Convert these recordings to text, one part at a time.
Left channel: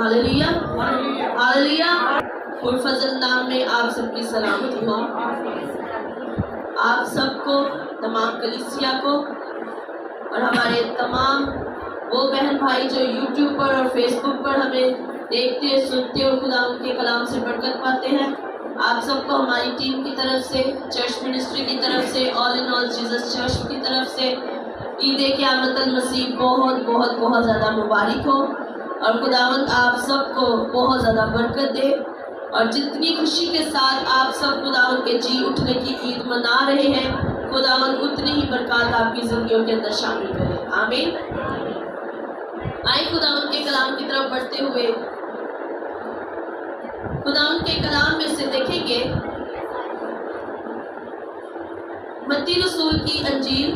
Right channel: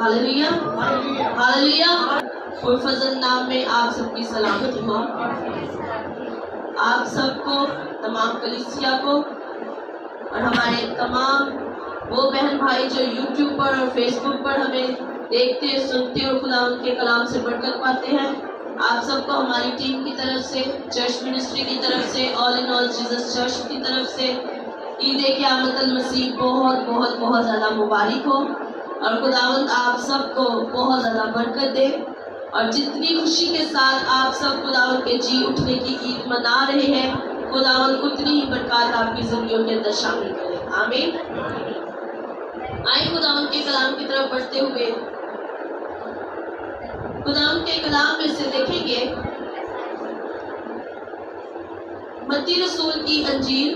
Hallelujah, hallelujah. फजल नाम में आप सबकी सलामती हो। आप सबको, तमाम कलीसिया को और हमारे तमाम वो बहन भाई जो यूट्यूब पर और फेसबुक पर हमें देखते सुनते और खुदा उनके कलाम से बरकत पाते हैं, आप सबको हमारी टीम की तरफ से, चर्च मिनिस्ट्री की तरफ से, all in all Jesus church की तरफ से ईद क़यामत अल मसीह बहुत बहुत बहुत ज़्यादा मुबारक हो और खुदावंद आप सबको बहुत ज़्यादा बरकत दे और जितनी खुशी के साथ आप सब खुदावंद के जी उठने की ईद मना रहे हैं, खुदावंद उतनी ही बरकत आपकी ज़िंदगियों के अंदर शामिल करे। आमीन। आए खुदावंद के कलाम की तरफ बढ़ते हुए खुदावंद के कलाम में से देखेंगे मत्ती रसूल की अंजील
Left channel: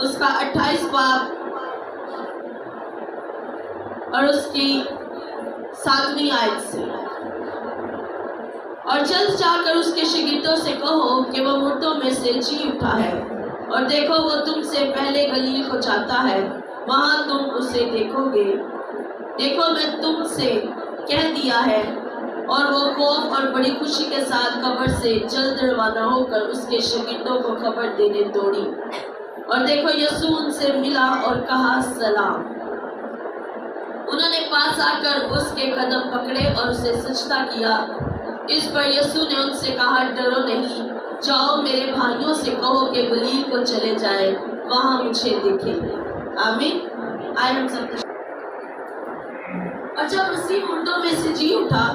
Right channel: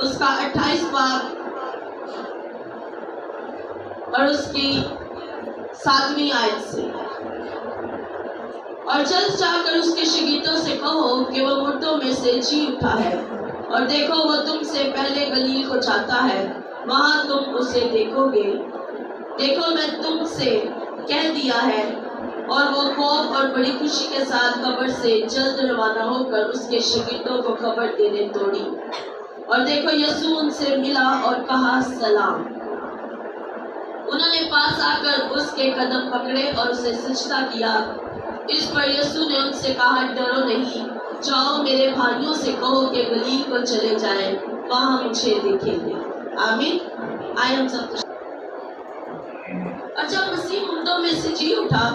उसका 28 बाब और उसकी 7वीं आयत से। और जल्द जाकर उसके शागिर्दों से कहो कि वो मुर्दों में से जी उठा है और देखो वो तुमसे पहले गलील को जाता है, वहां तुम उसे देखोगे। देखो मैं तुमसे कह दिया है। और वो खौफ और बड़ी खुशी के साथ कब्र से जल्द रवाना होकर उसके शागिर्दों को खबर देने दौड़ी। और देखो यीशु उनसे मिला और कहा सलाम। उन्होंने पास आकर उसके कदम पकड़े और उसे सजदा किया। इस पर यीशु ने उनसे कहा, डरो नहीं, जाओ मेरे भाइयों से कहो कि गलील को चले जाए, वहां मुझे देखेंगे। आमीन। आए हम सब। और जब मसीह मुर्दों में से जी उठा,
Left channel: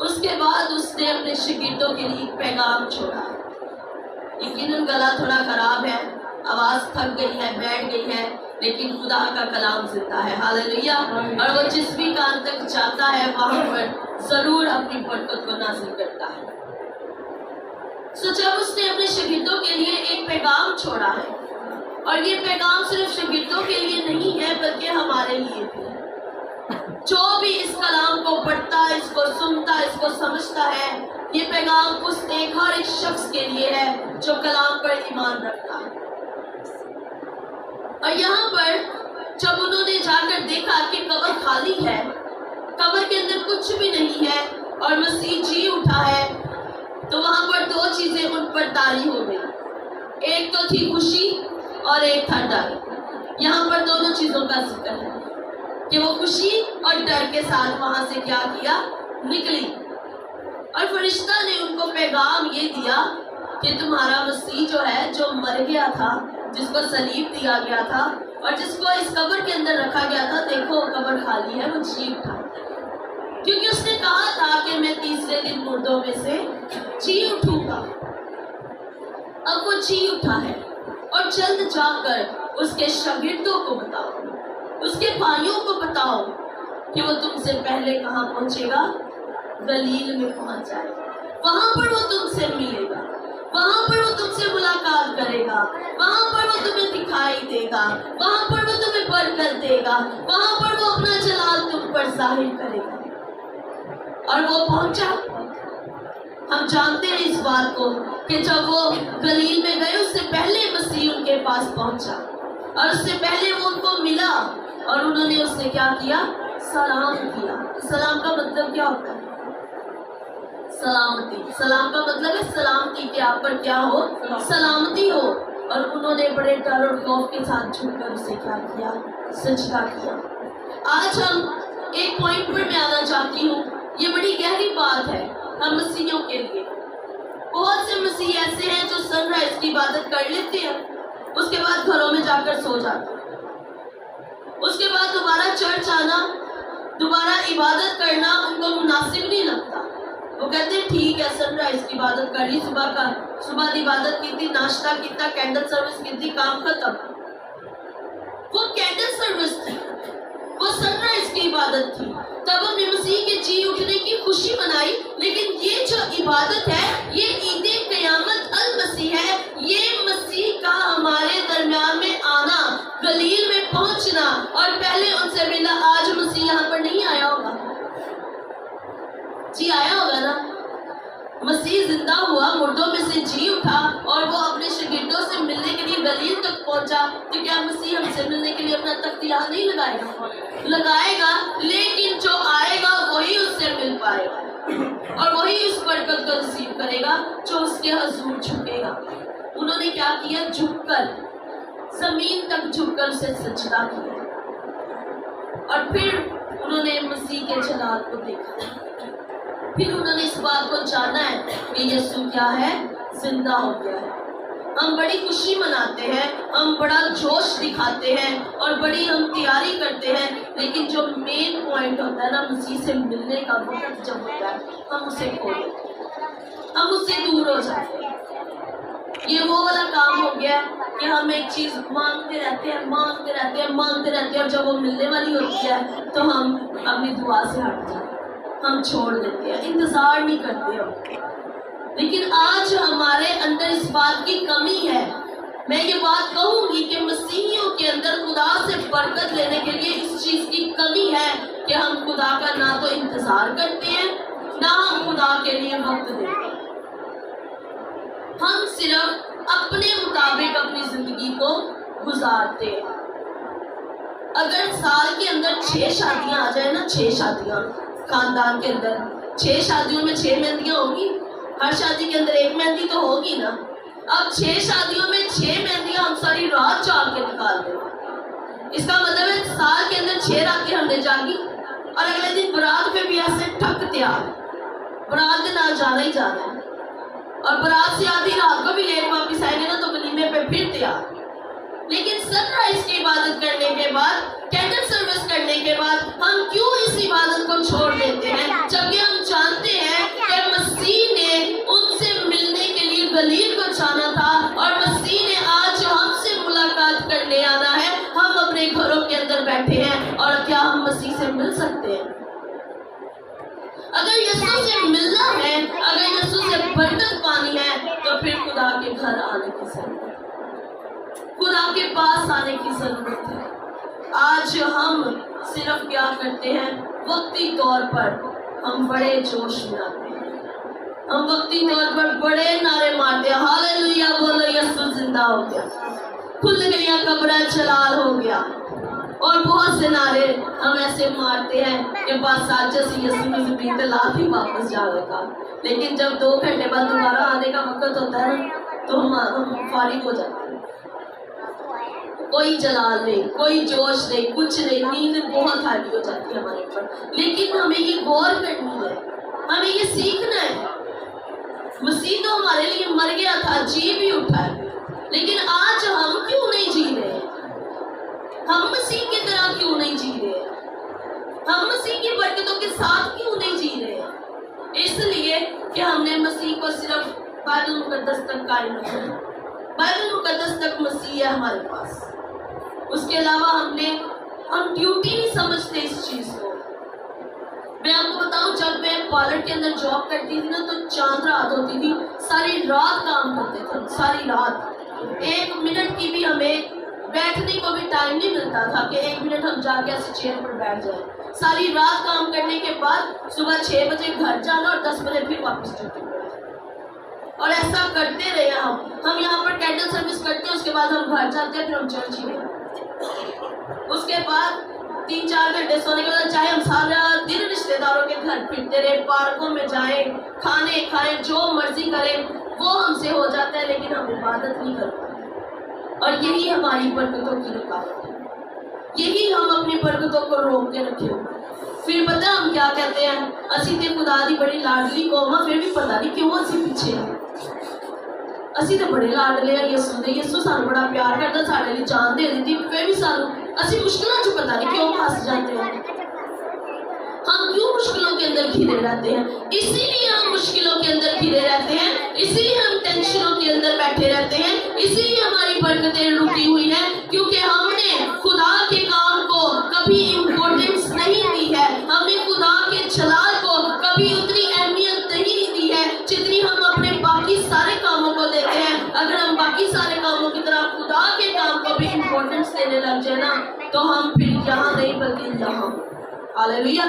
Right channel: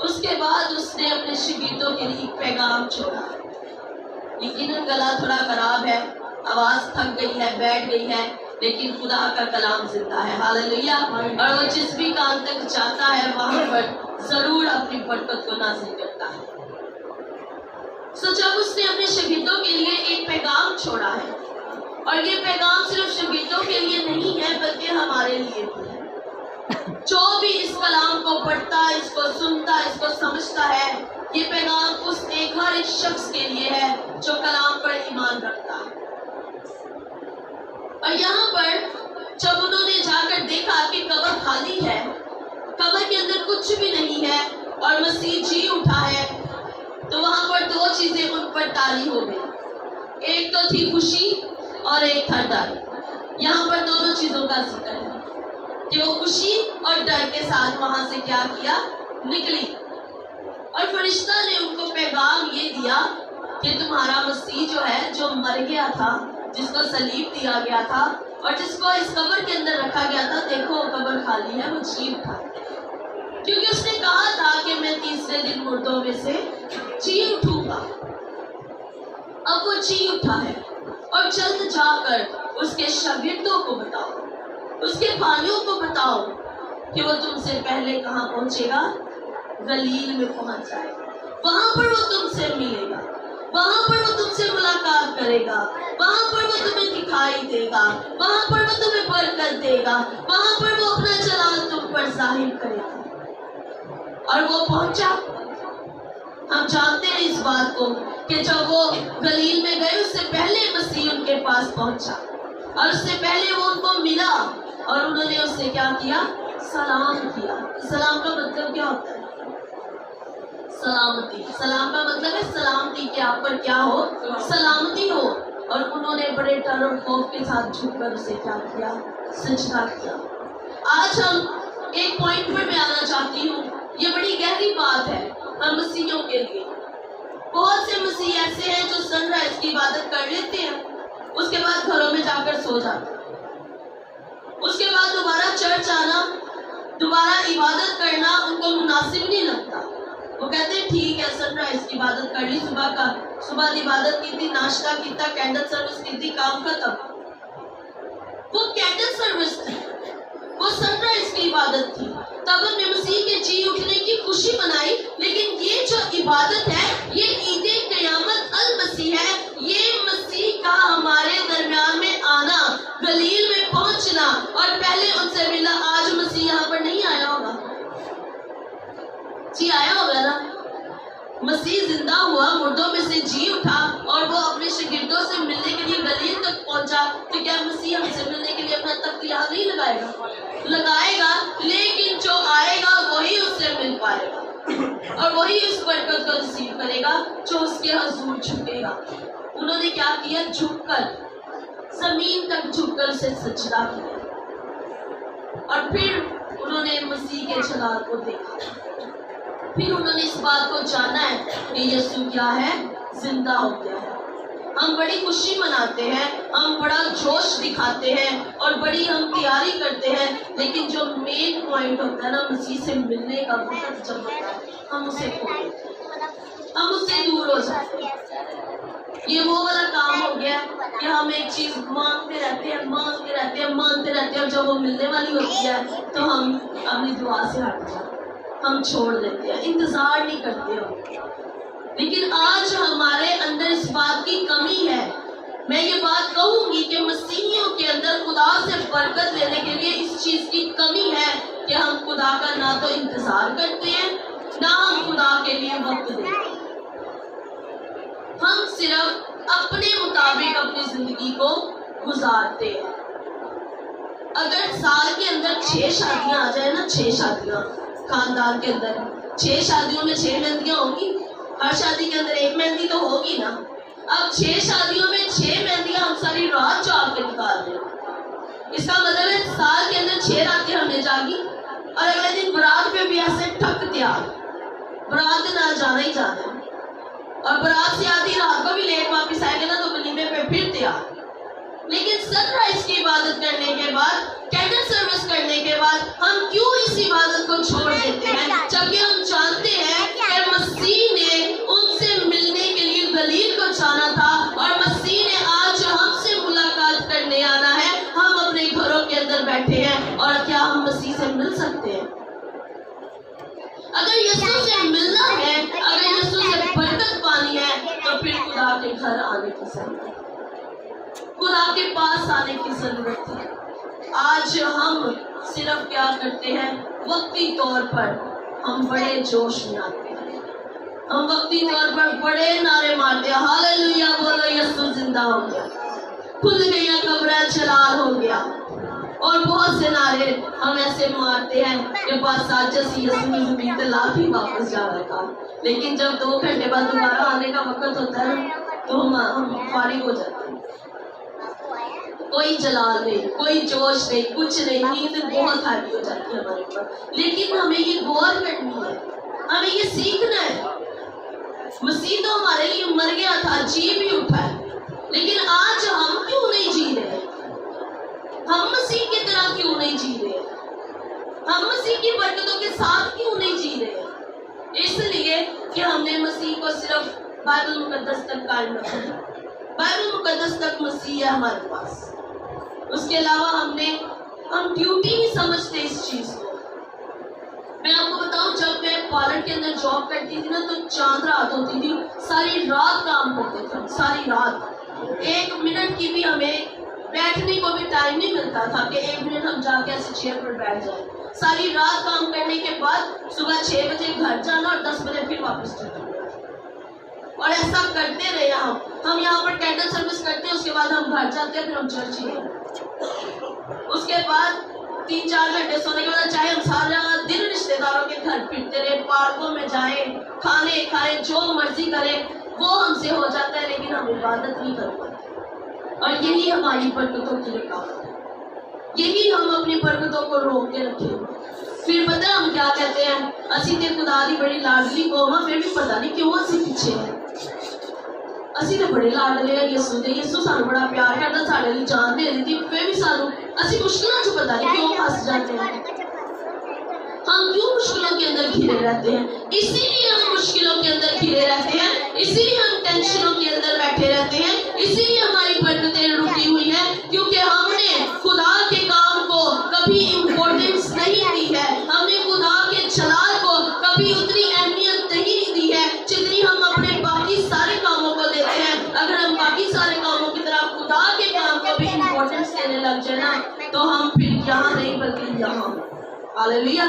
उसके बाद उसने अपने शागिर्दों के लिए पैगाम छोड़ा। यकीनन गला थोड़ा खराब है, आवाज थक गई है, बैठ गई है, लेकिन खुदा का कलाम जिंदा है। हालेलुया। और वो जिस भी कान तक जाता है वहां पर जरूर अपनी बरकत को नाज़िल करता है। सो जब उसने अपने शागिर्दों के लिए एक पैगाम छोड़ा है, और ये पैगाम सिर्फ शागिर्दों के लिए नहीं है बल्कि हमारे लिए भी है। जो भी इस कलाम को पढ़ता, इसको सुनता, इसको समझता है, ये पैगाम उस हर एक शख्स के लिए है जो कलाम पर ईमान रखता है। और यहाँ पर जब उन्होंने जाकर देखा कि कब्र खाली है, कब्र के अंदर कुछ भी नहीं है और मसीह जी उठा है, तो वहां पर दो चीजें उन पर तारी हो गई। एक तो थी खुशी और एक था डर। यहाँ पर दोनों चीजों का जिक्र है कि वो खुशी और डर के साथ वहां से क्या किया, निकली। और फरिश्ता ने उनको पैगाम ये दिया कि तुम्हारा मसीह जो है, जो मर गया था, जिसको सलीब दिया गया था और जिसको इस कब्र के अंदर रखा गया था, देखो कब्र खाली है, वो जी उठा। क्योंकि उसने कहा था कि मैं तीसरे दिन मुर्दों में से जी उठूंगा। अब वो जी उठा है। और जल्द जाकर उसके शागिर्दों को बताओ, उसके भाइयों को बताओ कि वो तुमसे पहले कहाँ पहुंचेगा, गलील में पहुंच जाएगा। वहां पर वो तुमसे मिलेगा, वहां पर वो तुमसे मुलाकात करेगा, वहां पर वो तुम्हें दिखाई देगा, वहां पर वो तुम्हें बरकत देगा, वहां पर वो अपना जलाल तुम पर जाहिर करेगा। और वो पहुंचा। हम जानते हैं इस बात को कि जब वो गलील में गए, उससे पहले मसीह उनके पास पहुंचा और उससे पहले वो उनको मिला और उन्होंने उससे क्या किया, सलाम किया। सलाम का मतलब क्या होता है? सलामती। सलाम का मतलब है सलामती, कि आप पर क्या हो, सलामती हो। और उन्होंने बड़े डर और खौफ के साथ झुककर उसे क्या किया, सजदा किया। आज हम एक पॉइंट पर मैं आना चाहती हूँ। ये बड़ी गहरी बात है हम मसीहियों के लिए। बहुत से मसीह ऐसे हैं जो सनराइज की इबादत कर लेते हैं, उसके बाद घरों में जाकर सो जाते हैं, उसके बाद दोबारा चर्च आना, दोबारा इबादत करना उनको मुनासिब नहीं लगता। वो कहते हैं ठीक है, सनराइज की इबादत कर ली, सुबह की इबादत की थी, नाश्ता किया, कैंडल सर्विस की थी, काम खत्म। वो कैंडल सर्विस थी, वो सनराइज की इबादत थी, तब हमने मसीह के जी उठने की खुशी मनाई। लेकिन ये जो इबादत है, ये ईद क़यामत अल मसीह है। ये मसीह का हमारे दरमियान में आना, गलील में पहुंचना और पहले उनसे मिला। आज मसीह यहाँ पर नहीं आया होगा, जी आया होगा ना? मसीह जिंदा हुआ, मुर्दों में से जी उठा और वो अपने शागिर्दों से मिलने के लिए गलील तक पहुंचा, तो क्या मसीह हमसे मिलने के लिए अपना तख्त यहाँ नहीं लगाएगा? लगाएगा, लेकिन जो आएगा वही उससे मिल पाएगा और वही उस बरकत को रिसीव करेगा जो उसके हजूर झुकेगा। उन्होंने क्या किया? झुककर, जमीन तक झुककर उसे सजदा किया और फिर उन्होंने मसीह के जलाल को देखा। फिर उन्होंने इस बात को जाना है कि यीशु क्या है? जिंदा हो गया है। हम बड़ी खुशी मनाते हैं, हम बड़ा जोश दिखाते हैं और बड़ी हम तैयारी करते हैं, लेकिन जो मेन पॉइंट होता है ना, मसीह से मिलने का वक्त जब होता है, हम उसे खो देते हैं, हम उससे दूर हो जाते हैं। ये वो वाला काम हो गया कि हम एक चीज मांगते रहते हैं, मांगते रहते हैं, मांगते रहते हैं, और जब वो मिलने वाली होती है तो हम अपनी दुआ से हट जाते हैं, हम छोड़ देते हैं, इंतजार नहीं करते हो। लेकिन आज हमारे अंदर इस बात की कमी है। मैं ये बात कहूंगी कि मसीहियों के अंदर खुदा से बरकत लेने के लिए इस चीज की कमी है कि हम खुदा का ना तो इंतजार करते हैं, ना हम खुदा के लिए वक्त देते हैं। हम सिर्फ अपने मुताबिक अपनी जिंदगी को गुजारते हैं। अगर साल के अंदर 6 शादियां आ जाए ना, 6 शादियां खानदान के अंदर, 6 शादियों में 6 मेहंदियां होगी, हर शादी के अंदर एक मेहंदी तो होगी ना। अब 6 शादियों में 6 मेहंदियां हम सारी रात जाग के निकाल दें। इसका मतलब है साल के अंदर 6 रातें हमने जागी और अगले दिन बारात पे भी ऐसे ठक तैयार, बारात के नाल जाना ही जाना है, और बारात से आधी रात को भी लेट वापस आएंगे ना तो वलीमे पे फिर तैयार। लेकिन सनराइज की इबादत करने के बाद, कैंडल सर्विस करने के बाद हम क्यों इस इबादत को छोड़ देते हैं, जबकि हम जानते हैं कि मसीह ने उनसे मिलने के लिए गलील को जाना था और मसीह ने आज हमसे मुलाकात करने आना है। हम अपने घरों के अंदर बैठे हैं और क्या हम मसीह से मिल सकते हैं? अगर यीशु से मिलना है, अगर यीशु से बरकत पानी है, तो फिर खुदा के घर आने की जरूरत है, खुदा के पास आने की जरूरत है। आज हम सिर्फ क्या करते हैं, वक्ती तौर पर हम बड़े जोश में आते हैं, हम वक्ती तौर पर बड़े नारे मारते हैं, हालेलुया बोलो, यीशु जिंदा हो गया, खुल गया कब्र जलाल हो गया, और बहुत से नारे हम ऐसे मारते हैं कि बस आज यीशु ने ज़मीन पे लात ही वापस जाएगा। लेकिन जब 2 घंटे बाद दोबारा आने का वक्त होता है तो हम फारिग हो जाते हैं, कोई जलाल नहीं, कोई जोश नहीं, कुछ नहीं, नींद बहुत हैवी हो जाती है हमारे ऊपर। लेकिन हमें ये गौर करनी है, हमें ये सीखना है। मसीह तो हमारे लिए मर गया था, जी भी उठा है, लेकिन आज हम क्यों नहीं जी रहे? हम मसीह की तरह क्यों नहीं जी रहे? हम मसीह की बरकतों के साथ क्यों नहीं जी रहे? इसलिए कि हमने मसीह को सिर्फ बाइबल मुकद्दस तक कायम रखा है। बाइबल मुकद्दस तक मसीह है हमारे पास, उसके अलावा हम ड्यूटी नहीं समझते इस चीज को। मैं आपको बताऊं, जब मैं पार्लर के अंदर जॉब करती थी ना, तो चांद रात होती थी, सारी रात काम करते थे, सारी रात। 1 मिनट की भी हमें बैठने को भी टाइम नहीं मिलता था कि 1 मिनट हम जाके ऐसे चेयर पर बैठ जाए। सारी रात काम करने के बाद सुबह 6 बजे घर जाना और 10 बजे फिर वापस ड्यूटी, और ऐसा करते रहे। हम यहाँ पर कैंडल सर्विस करते हैं, उसके बाद हम घर जाते हैं, फिर हम चर्च ही नहीं। उसके बाद 3-4 घंटे सोने के बाद चाहे हम सारा दिन रिश्तेदारों के घर फिरते रहे, पार्कों में जाए, खाने खाए, जो मर्जी करें, वो हमसे हो जाता है, लेकिन हम इबादत नहीं कर पाते। और यही हमारी बरकतों की रुकावट है, यही हम अपनी बरकतों को रोक के रखे हुए। फिर पता हम क्या कहते हैं, असी ते खुदा दी बड़ी लाडली कौम है, फिर भी पता नहीं क्यों असी पीछे हैं। असी तो बड़े लाडले हैं यीशु दे, यीशु सानू बड़ा प्यार करता, साडे लिए जान दे दी, फिर भी सानू असी मुश्किलों च पता नहीं क्यों फंस जाते हैं। हम क्यों मुश्किलों के अंदर घिरे रहते हैं? इसीलिए हम मुश्किलों के अंदर घिरे रहते हैं, इसीलिए हम टेंशनों के अंदर बैठे रहते हैं, इसीलिए हमारी बरकतें रुकी हुई है, क्योंकि हमने खुदा के काम को कभी इम्पोर्टेंस नहीं दी है, हमने खुदा के जलाल को कभी उतनी अहमियत नहीं दी है जितनी हम अपने बाकी सारे कामों को देते हैं। अगर हम बाकी सारे कामों की तरह खुदा के काम को भी इम्पोर्टेंस देने लग जाए ना, तो हम फिर यहाँ नहीं बल्कि यहाँ, हालेलुया,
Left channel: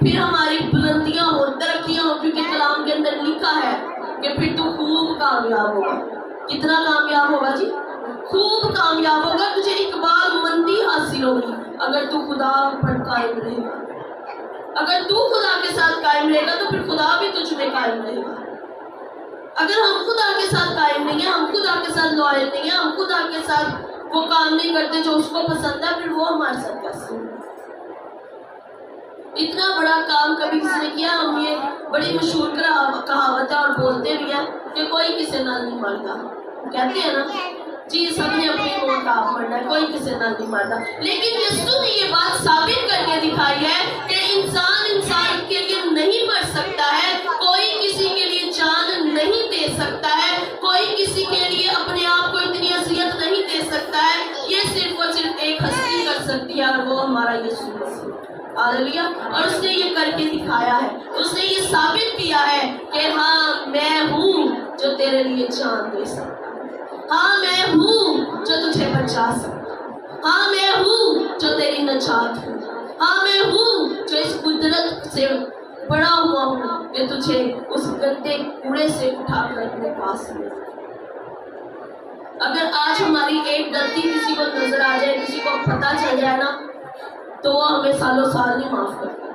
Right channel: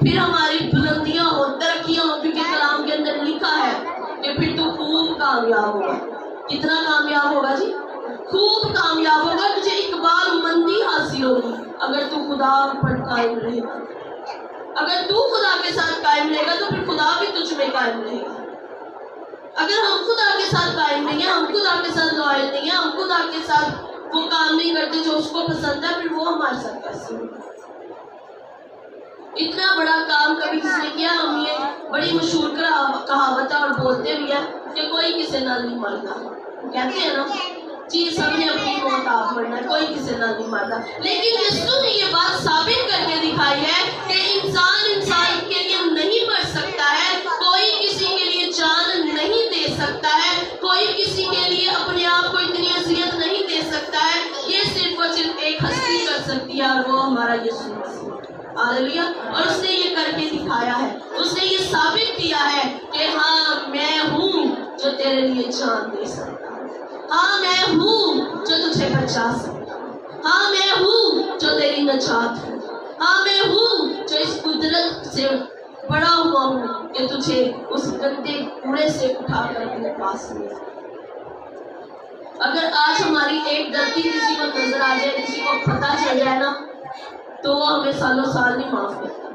फिर हमारी बुलंदियां हो, तरक्कियां हो, क्योंकि कलाम के अंदर लिखा है کامیاب ہوگا. کتنا کامیاب ہوگا جی؟ خوب کامیاب ہوگا. تجھے اقبال مندی حاصل ہوگی اگر تو خدا پر قائم رہے گا. اگر تو خدا کے ساتھ قائم رہے گا تو پھر خدا بھی تجھ میں قائم رہے گا. اگر ہم خدا کے ساتھ قائم نہیں ہیں, ہم خدا کے ساتھ لائل نہیں ہیں, ہم خدا کے ساتھ وہ کام نہیں کرتے جو اس کو پسند ہے, پھر وہ ہمارے ساتھ کیسے ہوگا؟ اتنا بڑا کام کبھی کسی نے کیا. ہم یہ بڑی مشہور کہاوت ہے اور بولتے بھی ہیں کہ کوئی کسی نال نہیں مرتا. کہتے ہیں نا جی سب نے اپنی موت آپ مرنا ہے, کوئی کسی نال نہیں مرتا. لیکن یسوع نے یہ بات ثابت کر کے دکھائی ہے کہ انسان کے لیے نہیں مر سکتا ہے, کوئی کسی کے لیے جان نہیں دے سکتا ہے, کوئی کسی کے لیے اپنے آپ کو اتنی اذیت نہیں دے سکتا ہے. یہ صرف اور صرف ایک ہستی کر سکتی ہے اور وہ ہمارا یسوع مسیح. ہاللیلویا. اور اس نے یہ کر کے دکھایا ہے, اس نے یہ ثابت کیا ہے کہ ہاں میں ہوں جو تیرے لیے جان دے سکتا ہوں, ہاں میں ہوں جو تجھے بچا سکتا ہوں, ہاں میں ہوں جو تیری نجات ہوں, ہاں میں ہوں جو اس قدرت سے بڑا ہوا ہوں کہ تجھے اس گندے کوڑے سے اٹھا کر اپنے پاس لے. اگر آج ہماری ایک غلطی کسی کو نظر آ جائے, کسی کو پتہ چل جائے نا, تو وہ ہمیں سالوں سال نہیں معاف کرتا.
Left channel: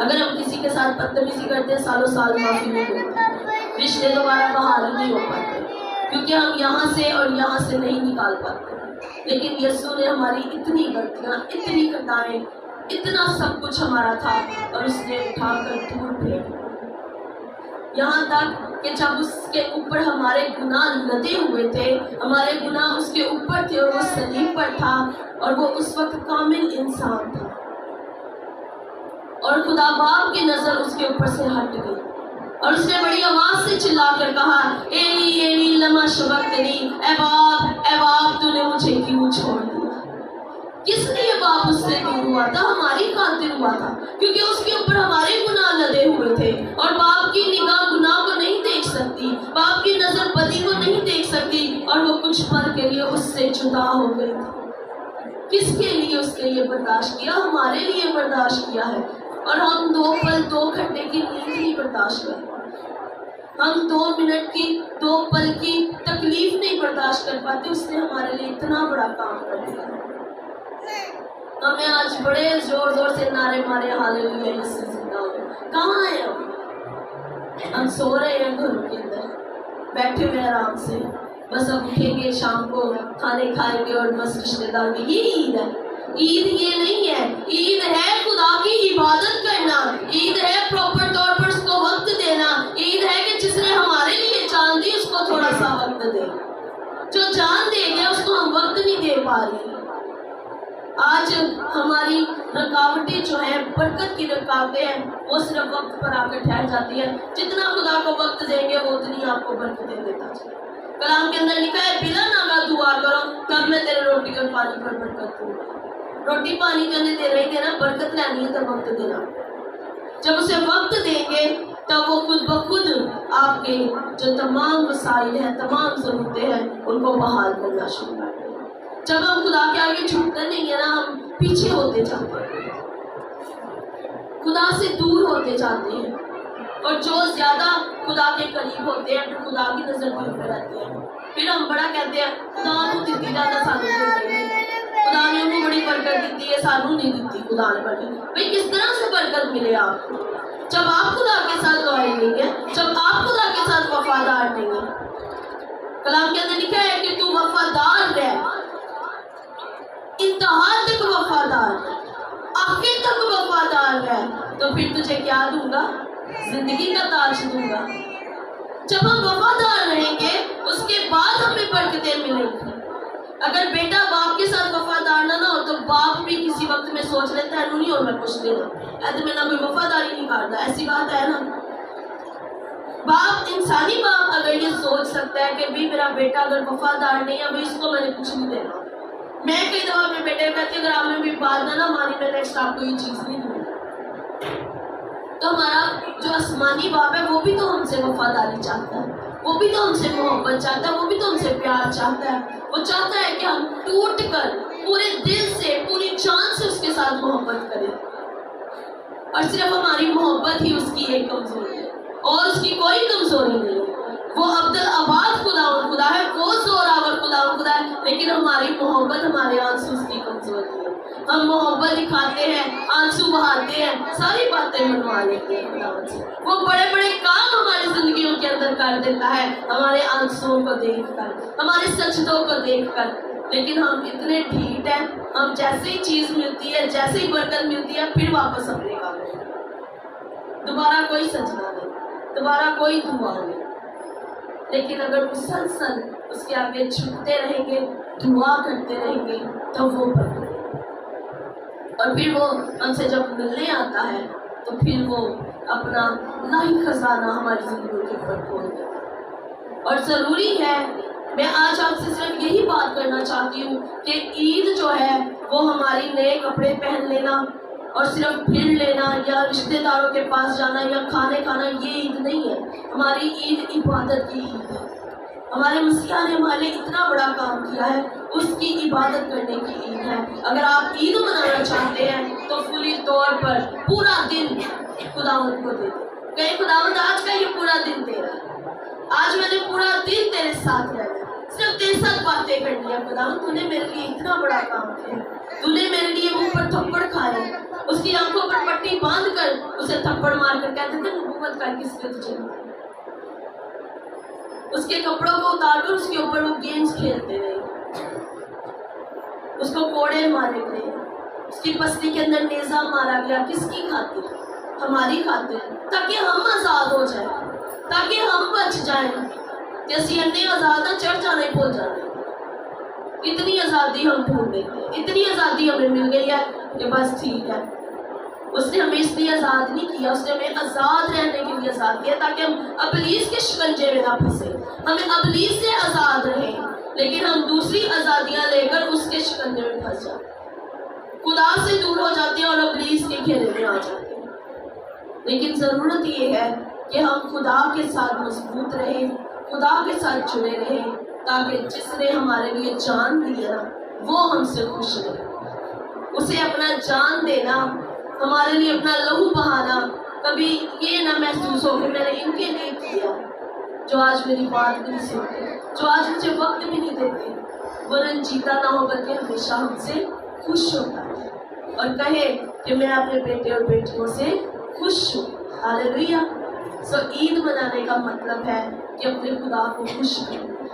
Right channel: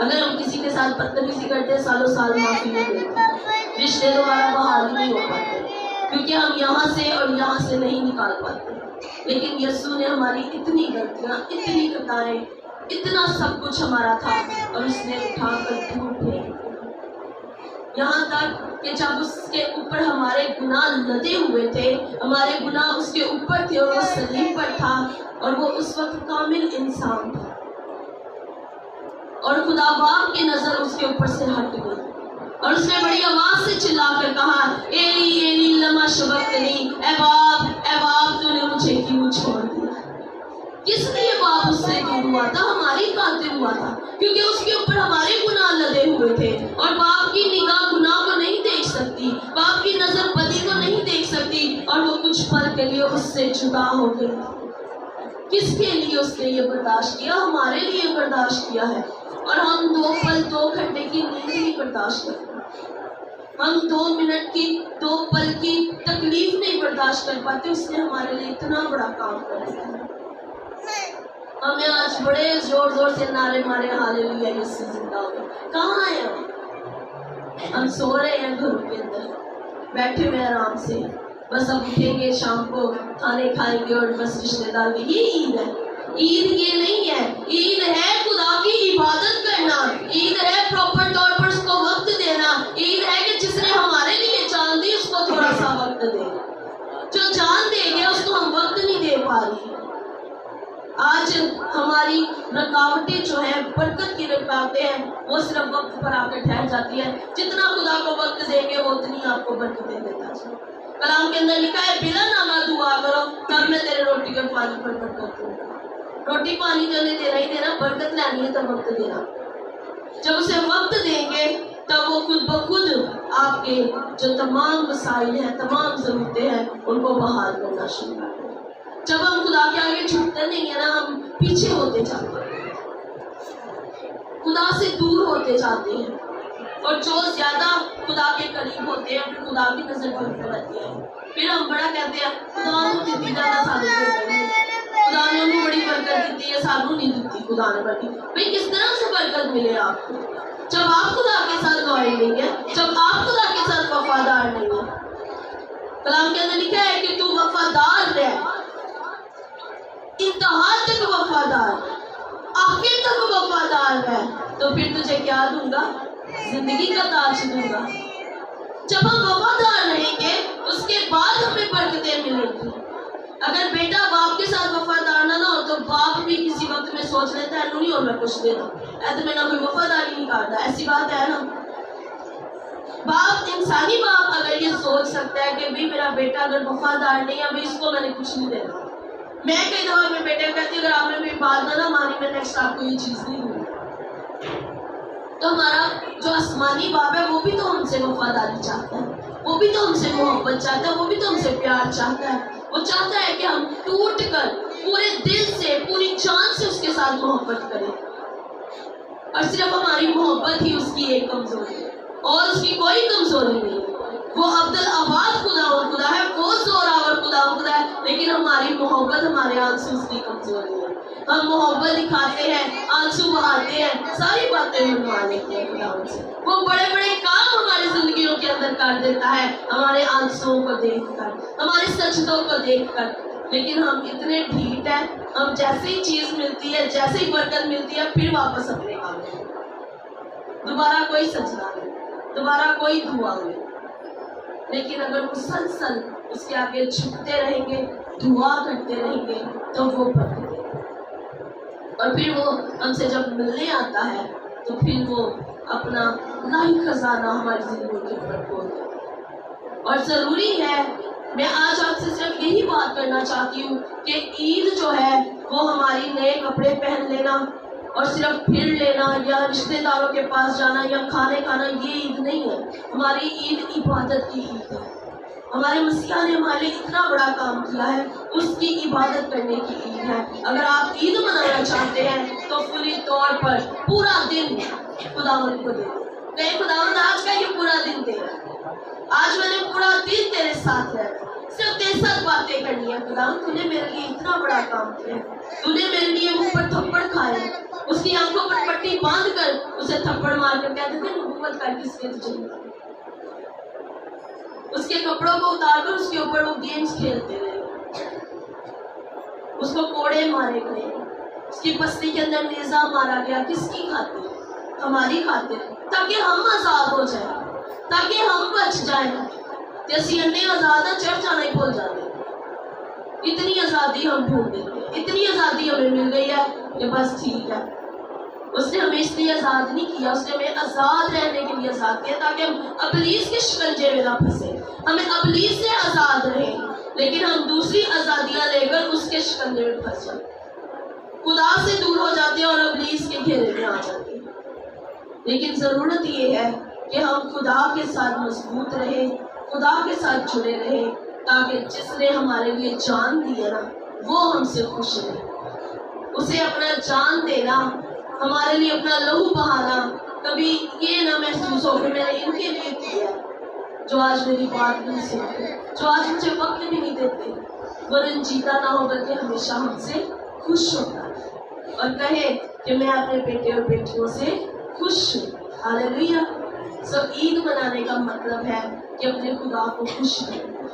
اگر ہم کسی کے ساتھ بدتمیزی کرتے ہیں, سالوں سال معافی نہیں ملتی, رشتے دوبارہ بحال نہیں ہو پاتے, کیونکہ ہم یہاں سے اور یہاں سے نہیں نکال پاتے. لیکن یسوع نے ہماری اتنی غلطیاں, اتنی خطائیں, اتنا سب کچھ ہمارا تھا اور اس نے اٹھا کر دور پھینک, یہاں تک کہ جب اس کے اوپر ہمارے گناہ لدے ہوئے تھے, ہمارے گناہ اس کے اوپر تھے اور وہ صلیب پر تھا, اور وہ اس وقت کامل انسان تھا, اور خدا باپ کی نظر اس کے اوپر سے ہٹ گئی, اور اس نے بڑی آواز سے چلا کر کہا, ایلی ایلی لما شبقتنی, اے باپ تو نے مجھے کیوں چھوڑ دیا. کس لیے باپ اس سے دور ہوا تھا؟ ہماری خاطر ہوا تھا, کیونکہ اس کے اوپر ہمارے گناہ لدے ہوئے تھے, اور باپ کی نگاہ گناہ کو نہیں دیکھ سکتی, باپ کی نظر بدی کو نہیں دیکھ سکتی, اور وہ کچھ پل کے لیے اس سے جدا ہو گئی. کس کے لیے اس نے یہ برداشت کیا؟ ہمارے لیے برداشت کیا ہے. اور ہم 2 پل 2 گھنٹے کی نیند نہیں برداشت کرتے, ہم 2 منٹ کی 2 پل کی تکلیف نہیں برداشت کر پاتے. اس نے ہمارے لیے اتنا بڑا کام کر دیا. ہم نے آج بڑے زور زور سے نعرے مارے, ہاللیلویا یسوع زندہ ہو گئے. کہاں ہیں ہم سو رہے ہیں گھروں کے اندر, بیٹھے ہوئے آرام سے, بس اب اٹھیں گے شام کو, کھانے کھائیں گے, اور بس رشتے دار کے. یہ عید ہے. عید یہ نہیں ہے, عید ہے خدا کی عبادت کرنا, عید ہے پراپر طور پر اس کو وقت دینا, عید ہے کہ جس نے ہمارے لیے جان دی اس کو تھوڑا سا وقت دے. جو جان دے گیا اس کو ہم وقت نہیں دے پا رہے. آج ہماری رکاوٹیں جو ہیں, برکت کی رکاوٹیں ہیں, وہ صرف وقت پر آ کر ٹھہر جاتی ہیں. جتنا خدا کو وقت دیں گے وہ اتنی آپ کو برکتیں دیتا ہے. کلام کے اندر لکھا ہے, بلا ناگا دعا کرو تب میں تیرے روٹی اور پانی پر برکت دوں. روٹی پانی تو نہیں دینا ہی دینا, برکت لینی ہے تو وقت دینا. جب اسے وقت دیں گے تب وہ خود بخود آپ کے جو تمام مسائل ہیں, تمام ضرورتیں ہیں, ان کو بحال کرنا شروع کر دیں. جب ہم خدا کے آگے جھکتے نہیں ہیں نا, ہم پیچھے ہوتے جاتے ہیں, خدا سے دور ہوتے جاتے ہیں, اور جو زیادہ خدا کے قریب ہوتے ہیں پھر خدا کی نظر دور پہ رہتی ہے. پھر ہم بڑا کہتے ہیں خدا نے دیتی زیادہ سانو خدا نے انہیں بڑی برکت دیتی ہے, سانو نہیں دیتی خدا نے برکت. بھائی کس طرح سے برکت ملے آپ کو جب آپ خدا کے ساتھ لائل نہیں ہے, جب آپ خدا کے ساتھ وفادار نہیں ہے. کلام کے اندر لکھا ہے کہ تو وفادار رہ, انتہا تک وفادار, آخر تک وفادار ہے, تو پھر تجھے کیا دوں گا؟ زندگی کا تاج دوں گا. جب ہم وفادار رہیں گے اس کے بعد ہمیں برکتیں ملیں گی. اگر بیٹا باپ کے ساتھ وفادار نہ ہو تو باپ بھی کسی وقت میں سوچ لیتا ہے نہیں اور میں کچھ دینا, ایسے میں نہ کوئی وفاداری نہیں کرتا. ایسی بات ہے نا. باپ, انسانی باپ اگر یہ سوچ سکتا ہے کہ بھی میرا بیٹا اگر وفادار نہیں ہے, ابھی اس کو میں نے کچھ نہیں دینا. میں کئی دفعہ اپنے بیٹے کو کہتی ہوں اگر آپ نے بھی بات نہ مانی میں نیکسٹ آپ کو یہ چیز نہیں دوں. تو ہمارا جو آسمانی باپ ہے وہ بھی تو ہم سے وفاداری چاہتا ہے, وہ بھی تو ہم سے محبت چاہتا ہے, وہ بھی تو ہم سے پیار چاہتا ہے. وہ چاہتا ہے کہ ہم ٹوٹ کر پورے دل سے, پوری جان سے اس کے ساتھ محبت کریں, اور صرف ہماری محبت ہی اس کی ایک کمزوری ہے, اور اس کی کوئی کمزوری نہیں. وہ عبد हम मोहब्बत दिखाते हैं, आंसू बहाते हैं, सारी बातें मनवा लेते हैं खुदावंद से। वो बड़े बड़े काम हमारी जिंदगियों के अंदर कर देता है, हमारे आंसुओं को देखकर, हमारे सजदों को देखकर। लेकिन हम इतने ढीठ हैं, हम जैसे ही चीज मिलती है, जैसे ही बरकत मिलती है, फिर वापस अपने काम में। दोबारा कोई सजना नहीं, दोबारा कोई दुआ नहीं। लेकिन अगर मुसलसल उसके आगे झुकते रहेंगे, दुआ करते रहेंगे, तो वो बरकत देगा। और फिर वो हमसे जब मिलने आता है, तो फिर वो अपना लाही खजाना हमारी जिंदगी के ऊपर खोल देगा। और जरूरी है, मैं आज आपसे सिर्फ यही बात करना चाहती हूँ कि ईद जो है वो हमारी नए कपड़े पहन लेना और सिर्फ फिर लेना या रिश्तेदारों के पास जाना या खाने खाना, ये ईद नहीं है। हमारी ईद इबादत की ईद है। हमारे मसीहा ने हमारे लिए इतना बड़ा काम किया है, उसकी इबादत करने की ईद है। अगर आप ईद मनाना चाहते हैं तो फुली तौर पर पूरा दिन खुदावंद को दे दो। कहीं खुदावंद आज का ये पूरा दिन तेरा, आज मैंने पूरा दिन तेरे साथ रहना, सिर्फ तेरे साथ बातें करनी है। खुदावंद तूने मेरे लिए इतना बड़ा काम किया, तूने मेरे लिए मुंह पर थप्पड़ खाए, उसकी आंखों पर पट्टी बांध कर उसे थप्पड़ मार कर कहते थे नबूवत कर किसने तुझे मारा। उसके कपड़ों को उतार कर उसके ऊपर वो गेम्स खेलते रहे, उसको कोड़े मारे गए, उसकी पसली के अंदर नेजा मारा गया। किसकी खातिर? हमारी खातिर, ताकि हम आजाद हो जाए, ताकि हम बच जाएं। जैसे अन्य आजाद है, चढ़ जाने भूल जाते, इतनी आजादी हम ढूंढ लेते हैं, इतनी आजादी हमें मिल गई है कि बस ठीक है। उसने हमें इसलिए आजाद नहीं किया, उसने हमें आजाद रहने के लिए आजाद किया ताकि हम अबलीस के शिकंजे में ना फंसे, हमें अबलीस से आजाद रहें। लेकिन हम दूसरी आजादियां लेकर उसके शिकंजे में फंस जाते, खुदा से दूर हो जाते हैं और अबलीस के घेरे में आ जाते हैं। लेकिन जरूरत ये है कि हम खुदा के साथ मजबूत रहें, खुदा के साथ जुड़े रहें, ताकि जिसने हमारे लिए जान दी है ना, वो हमसे खुश रहे। उसे अपना जान देना, हमारे लिए अपना लहू बहाना, कभी ये ना महसूस हो कि मैंने इनके लिए किया, जो आज मेरी बात नहीं सुनते, जो आज मुझे वक्त भी नहीं देते, वो रंजीदा ना हो बल्कि हमेशा हमसे खुश होता है और कहे कि मैं अपने बेटे और बेटियों से खुश हूँ। हालेलुया। सो ईद मनाने का मतलब है कि अपने खुदा को खुश करना।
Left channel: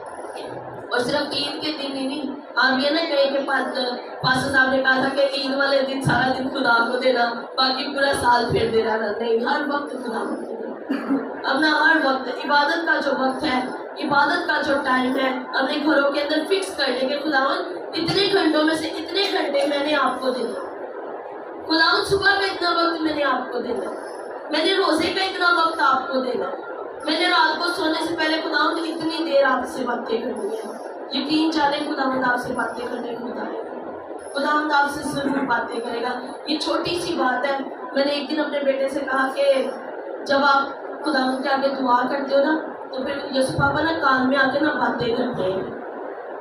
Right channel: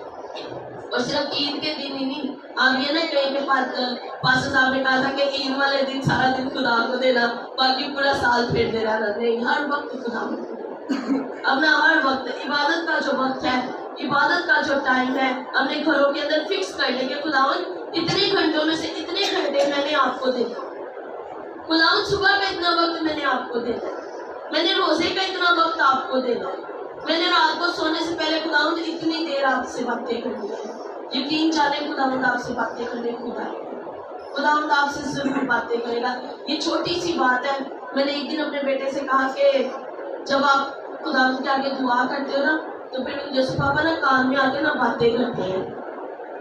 और सिर्फ ईद के दिन ही नहीं, आप ये ना कहीं के पास्टर साहब ने कहा था कि ईद वाले दिन सारा दिन खुदा को देना, बाकी पूरा साल फेर दे रहा था। नहीं, हर वक्त खुदा को देना। अपना हर वक्त इबादत का जो वक्त है, इबादत का जो टाइम है, अपने घरों के अंदर फिक्स कर लेंगे खुदावंद इतने घंटों में से इतने घंटे मैंने आपको देना। खुदावंद सुबह का इतना वक्त मैंने आपको देना, मैंने रोजे का इतना वक्त आपको देना, मैंने रात को सोने से पहले खुदावंद इतनी देर आपसे बातें करनी है। यकीन जाने खुदावंद आपसे बातें करने खुदा है, खुदावंद आपसे जरूर बातें करेगा। ये छोटी सी बात है। मैंने एक दिन अपने बेटे से कहा कि जब आप खुदावंद के आगे दुआ करते हो ना, तो फिर यीशु पापा ना कान में आके ना बातें करते हैं,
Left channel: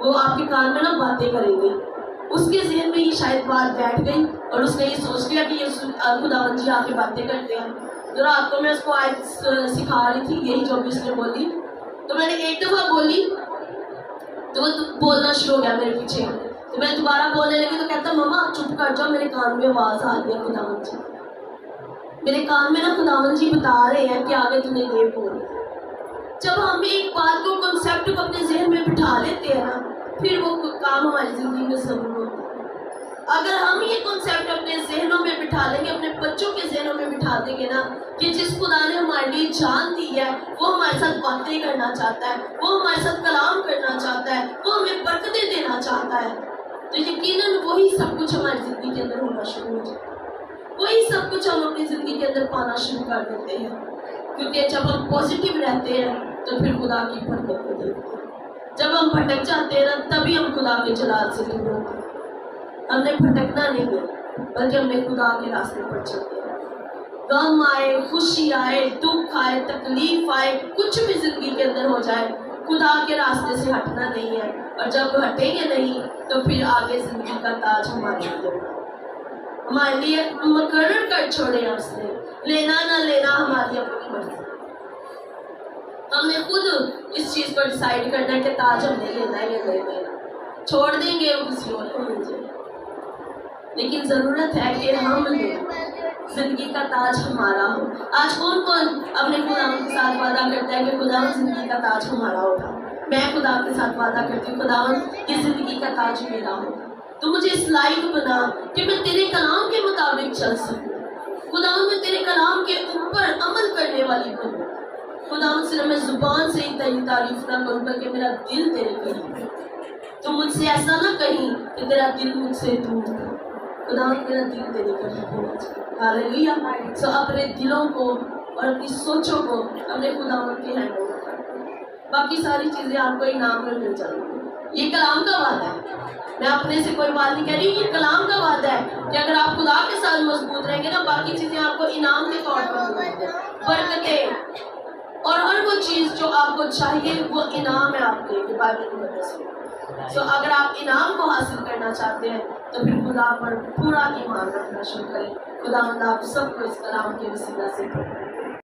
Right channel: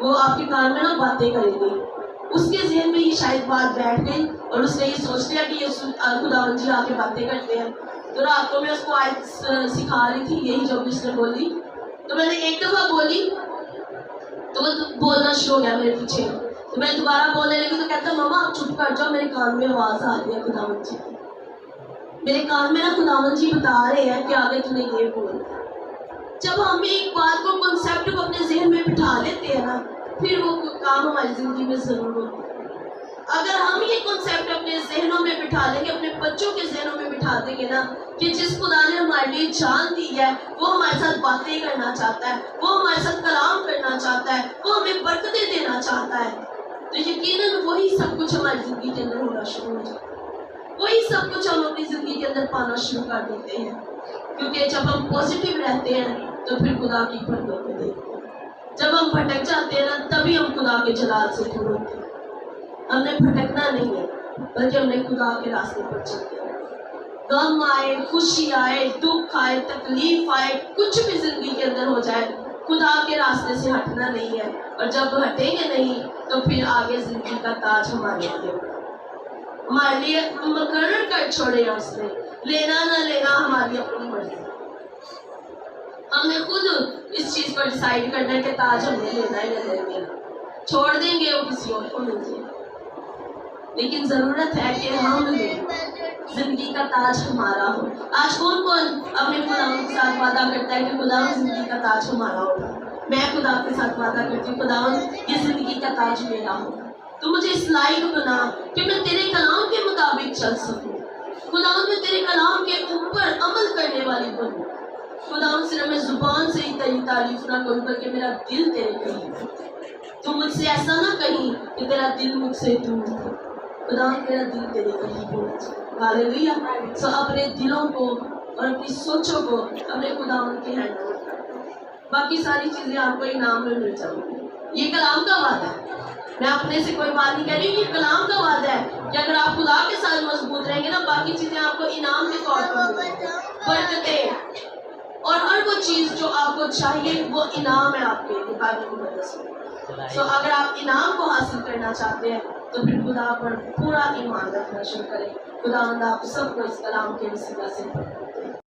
वो आपके कान में ना बातें करेंगे। उसके ज़हन में ये शायद बात बैठ गई और उसने ये सोच लिया कि यीशु खुदावंद जी आके बातें करते हैं। तो रात को मैं उसको आयत सिखा रही थी, यही जो भी उसने बोली, तो मैंने एक दफ़ा बोली तो वो बोलना शुरू हो गया मेरे पीछे। तो मैं दोबारा बोलने लगी तो कहता मम्मा आप चुप कर जाओ, मेरे कान में आवाज़ आ रही है खुदावंद जी, मेरे कान में ना खुदावंद जी बता रहे हैं कि आगे तूने ये बोलना। जब हम एक बात को, कॉन्सेप्ट को अपने जहन में बिठा लेते हैं ना, फिर वो काम हमारी ज़िंदगी में ज़रूर होता है। अगर हम ये कॉन्सेप्ट अपने जहनों में बिठा लेंगे, अपने बच्चों के जहनों में बिठा देंगे ना कि जिस खुदा ने हमारे लिए जान दी है, वो हमारे साथ बातें करना चाहता है, वो हमारे साथ कलाम करना चाहता है, वो हमें बरकतें देना चाहता है, तो यकीनन वही सब कुछ हमारी ज़िंदगी के अंदर होना शुरू हो जाता है। वही सब कुछ हम अपनी ज़िंदगी के अंदर पाना शुरू कर देते हैं, क्योंकि जब हम पॉजिटिव रहते हैं तो फिर खुदा की बरकत को देखते हैं। जब हम भटक जाते हैं ना, तभी हम खुदा के जलाल से दूर होते हैं। हमने भटकना नहीं है, बल्कि हमने खुदा के रास्ते पर चलते हैं। गम आए, खुशी आए, दुख आए, तकलीफ आए, कुछ भी जिंदगी के अंदर हो जाए, खुदा के रास्ते से हटना नहीं है। और जब हटेंगे नहीं तो फिर आगे जिंदगी का ताज हमारे लिए मुकर्रर कर छोड़े उसने, लेना ना लेना हमारी अपनी मर्जी। हमने खुद इस चीज पर डिसाइड करना है कि ताज हमने लेना है या नहीं लेना, छोड़ देंगे वो किसी और को मिल जाए। लेकिन ज़रूरत है कि हम जिंदगी का ताज हमारा हो। आज कौन कौन अपने खुदावंद के साथ वादा करता है कि खुदावंद जिंदगी का ताज हमारा होगा? मैं खुदा के साथ वादा करती हूँ, खुदावंद ये जिंदगी का ताज मेरा होगा। तो मुझे इस लायक बना कि मैं तेरे कलाम के मुताबिक चल सकूँ। खुदावंद मैं तेरे कलाम के ऊपर अमल करने वाली बनूँ। खुदावंद सिर्फ मैं जुबान से ही तेरी तारीफ ना करूँ बल्कि मेरा दिल तेरे करीब हो। तो मुझसे ऐसा ना कहीं कि तेरा दिल मुझसे दूर है। खुदावंद मेरा दिल तेरे करीब होना चाहिए। हालेलुया। सो अपने दिलों को और अपनी सोचों को अपने खुदावंद के हैंड में रखो। बाकी सारी चीजें आपको इनाम में मिल जाएंगी। ये कलाम का वादा है। मैं अपने से कोई बात नहीं कह रही, ये कलाम का वादा है कि अगर आप खुदा के साथ मजबूत रहेंगे ना, बाकी चीजें आपको इनाम के तौर पर मिलेंगी। बरकतें और हर वो चीज जो आपको चाहिए वो इनाम है आपके लिए बाइबल की मदद से। तो अगर आप इनाम को हासिल करना चाहते हैं तो फिर खुदा पर पूरा ईमान रखना शुरू करें। खुदा आप सबको इस कलाम के वसीला से